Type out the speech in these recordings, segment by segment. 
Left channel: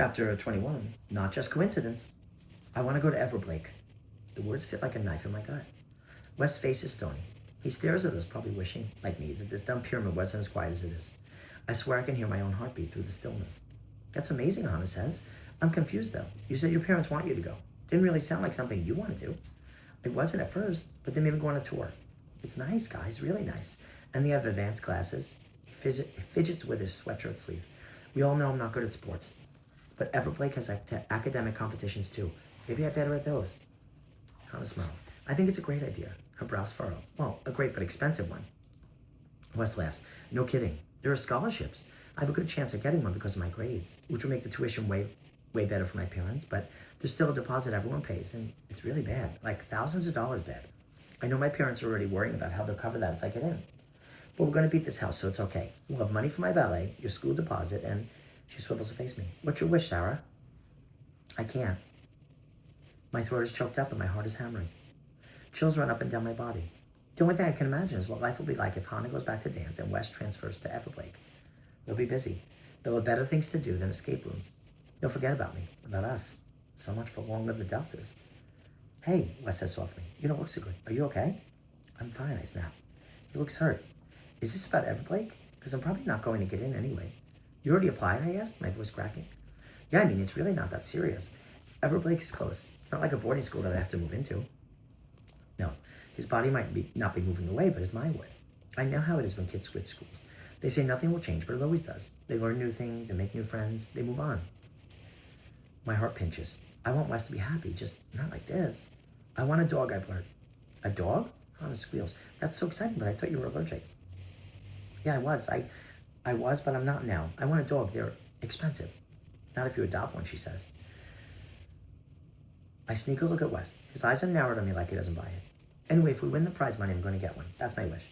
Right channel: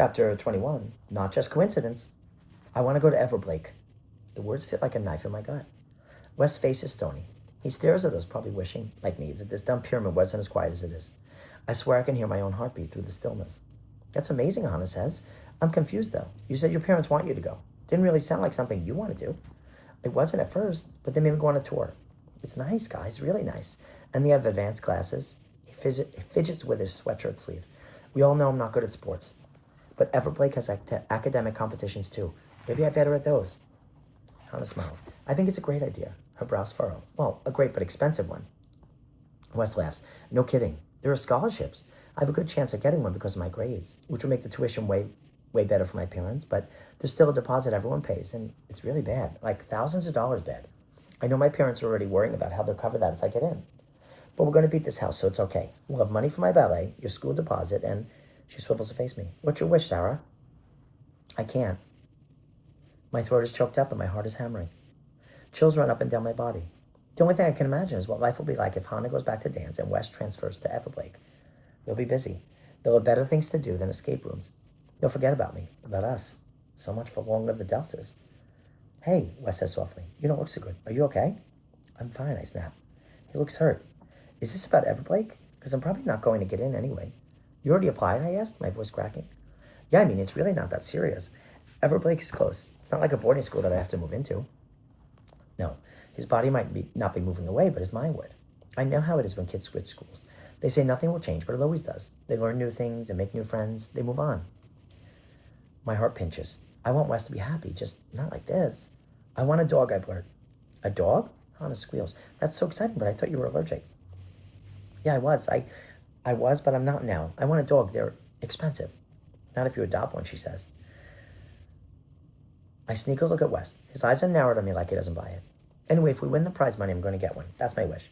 Chapter 21, Not Just Coincidence. I want to go to Everblake. The words fit like a knife in my gut. West's face is stony. He stares at us, probably wishing, like me, that this dumb pyramid wasn't as quiet as it is. I swear I can hear my own heartbeat through the stillness. That's amazing, Hannah says. I'm confused, though. You said your parents want you to go. Didn't really sound like something you want to do. It wasn't at first, but they made me go on a tour. It's nice, guys, really nice. And they have advanced classes. He fidgets with his sweatshirt sleeve. We all know I'm not good at sports. But Everblake has academic competitions, too. Maybe I'm better at those. Hannah smiles. I think it's a great idea. Her brows furrow. Well, a great but expensive one. Wes laughs. No kidding. There are scholarships. I have a good chance of getting one because of my grades, which will make the tuition way better for my parents, but there's still a deposit everyone pays, and it's really bad. Like thousands of dollars bad. I know my parents are already worrying about how they'll cover that if I get in. But we're going to beat this house, so it's okay. We'll have money for my ballet, your school deposit, and she swivels to face me. What's your wish, Sarah? I can't. My throat is choked up and my heart is hammering. Chills run up and down my body. The only thing I can imagine is what life will be like if Hannah goes back to dance and Wes transfers to Everblake. They'll be busy. They'll have better things to do than escape rooms. They'll forget about me, about us. So much for long live the Deltas. Hey, Wes says softly. You don't look so good. Are you okay? I'm fine, I snap. He looks hurt. Is this about Everblake? Because I'm probably not going to get in anyway. You already applied, I asked, my voice cracking. Yeah, I mean, it's really not that serious. Everblake is close. It's not like a boarding school that I have to move into. No, his body might not be moving away, but his mind would. I know how it is when kids switch schools. They say nothing will change, but it always does. They learn new things and make new friends. They move on. My heart pinches. I want Wes to be happy, just not like this. I want a dog, I blurt. A dog? Hannah squeals. That's so exciting, but I thought you were allergic. Yeah, I was. I was, but I'm not now. I want a dog. They're expensive. Not if you adopt one, she says. I sneak a look at Wes. His eyes are narrowed on me like he doesn't buy it. Anyway, if we win the prize money, I'm going to get one. That's my wish.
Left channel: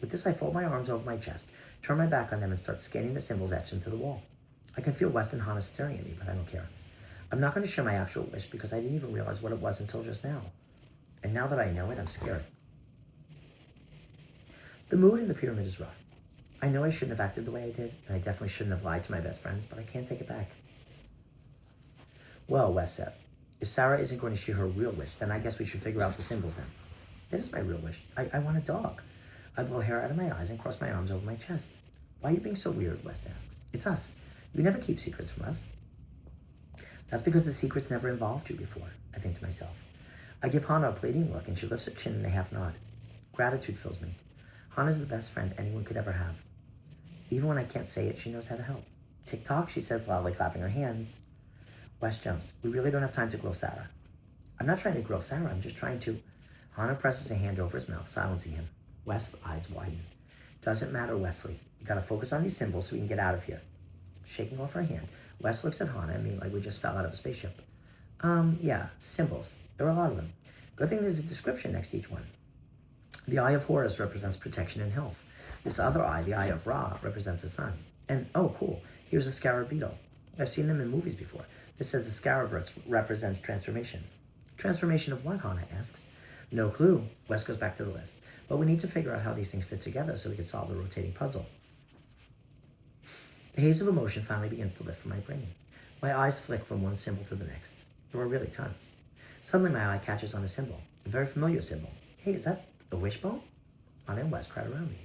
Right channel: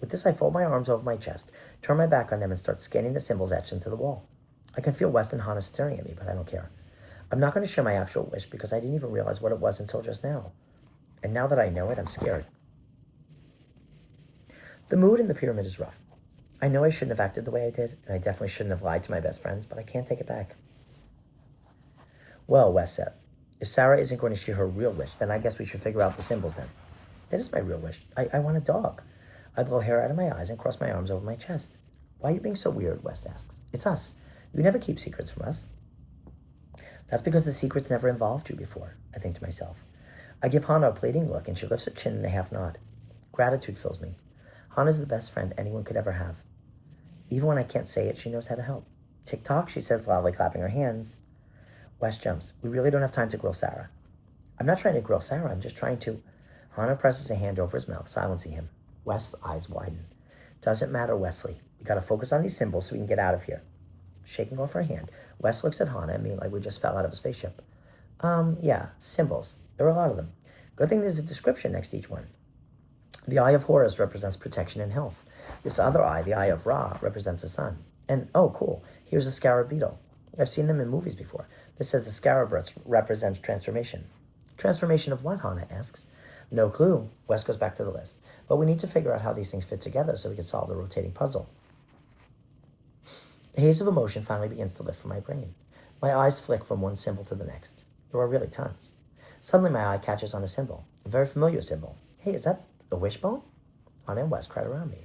With this, I fold my arms over my chest, turn my back on them, and start scanning the symbols etched into the wall. I can feel Wes and Hannah staring at me, but I don't care. I'm not going to share my actual wish because I didn't even realize what it was until just now. And now that I know it, I'm scared. The mood in the pyramid is rough. I know I shouldn't have acted the way I did, and I definitely shouldn't have lied to my best friends, but I can't take it back. Well, Wes said, if Sarah isn't going to share her real wish, then I guess we should figure out the symbols then. That is my real wish. I want a dog. I blow hair out of my eyes and cross my arms over my chest. Why are you being so weird, Wes asks. It's us. You never keep secrets from us. That's because the secrets never involved you before, I think to myself. I give Hannah a pleading look, and she lifts her chin in a half nod. Gratitude fills me. Hannah's the best friend anyone could ever have. Even when I can't say it, she knows how to help. Tick-tock, she says loudly, clapping her hands. Wes jumps. We really don't have time to grill Sarah. I'm not trying to grill Sarah, I'm just trying to... Hannah presses a hand over his mouth, silencing him. Wes' eyes widen. Doesn't matter, Wesley. You gotta focus on these symbols so we can get out of here. Shaking off her hand, Wes looks at Hannah and me like we just fell out of a spaceship. Yeah, symbols. There are a lot of them. Good thing there's a description next to each one. The Eye of Horus represents protection and health. This other eye, the Eye of Ra, represents the sun. And, oh, cool, here's a scarab beetle. I've seen them in movies before. This says the scarab represents transformation. Transformation of what, Hannah asks. No clue. Wes goes back to the list. But we need to figure out how these things fit together so we can solve the rotating puzzle. The haze of emotion finally begins to lift from my brain. My eyes flick from one symbol to the next. There are really tons. Suddenly my eye catches on a symbol, a very familiar symbol. Hey, is that a wishbone? Hannah and Wes cry around me.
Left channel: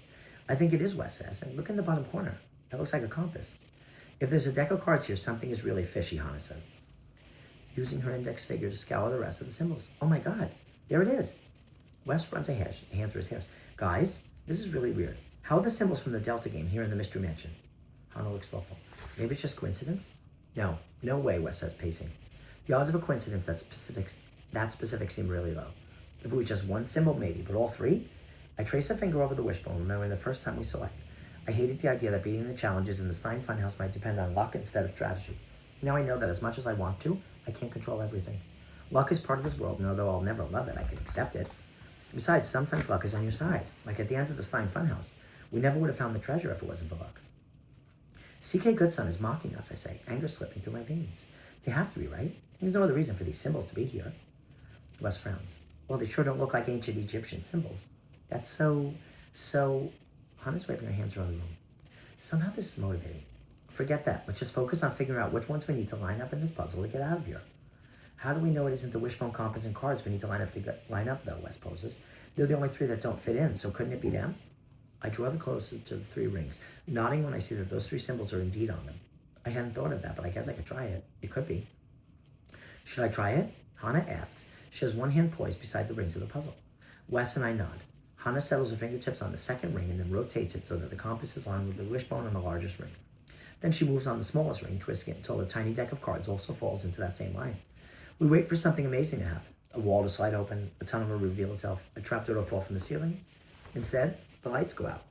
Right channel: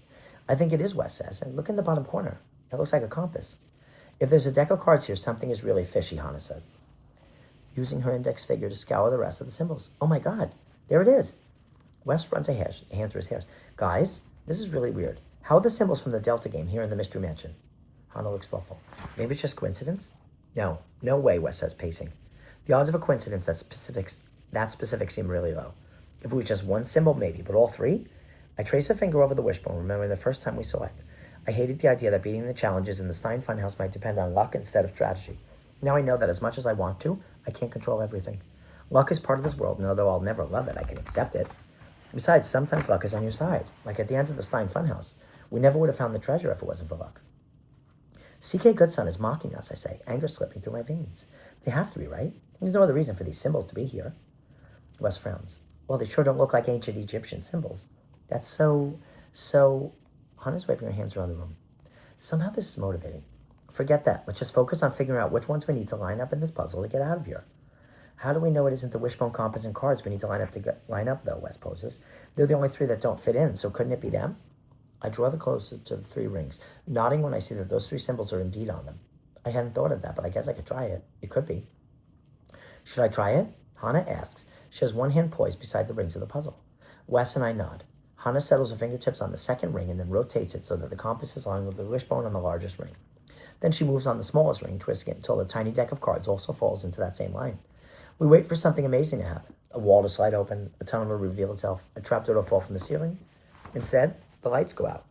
I think it is, Wes says, and look in the bottom corner. It looks like a compass. If there's a deck of cards here, something is really fishy, Hannah said, using her index finger to scour the rest of the symbols. Oh my God, there it is. Wes runs a hand through his hair. Guys, this is really weird. How are the symbols from the Delta game here in the Mystery Mansion? Hannah looks thoughtful. Maybe it's just coincidence? No way, Wes says, pacing. The odds of a coincidence that specific seem really low. If it was just one symbol, maybe, but all three? I trace a finger over the wishbone, remembering the first time we saw it. I hated the idea that beating the challenges in the Stein Funhouse might depend on luck instead of strategy. Now I know that as much as I want to, I can't control everything. Luck is part of this world, and although I'll never love it, I can accept it. Besides, sometimes luck is on your side, like at the end of the Stein Funhouse. We never would have found the treasure if it wasn't for luck. C.K. Goodson is mocking us, I say, anger slipping through my veins. They have to be, right? There's no other reason for these symbols to be here. Wes frowns. Well, they sure don't look like ancient Egyptian symbols. That's so... Hannah's waving her hands around the room. Somehow this is motivating. Forget that. Let's just focus on figuring out which ones we need to line up in this puzzle to get out of here. How do we know it isn't the wishbone, compass, and cards we need to line up, though, Wes poses. They're the only three that don't fit in, so couldn't it be them? I draw the closer to the three rings, nodding when I see that those three symbols are indeed on them. I hadn't thought of that, but I guess I could try it. It could be. Should I try it? Hannah asks. She has one hand poised beside the rings of the puzzle. Wes and I nod. Hannah settles her fingertips on the second ring and then rotates it so that the compass is lined with the wishbone on the largest ring. Then she moves on the smallest ring, twisting it until the tiny deck of cards also falls into that same line. We wait for something amazing to happen. A wall to slide open, a tunnel to reveal itself, a trapdoor to fall from the ceiling. Instead, the lights go out.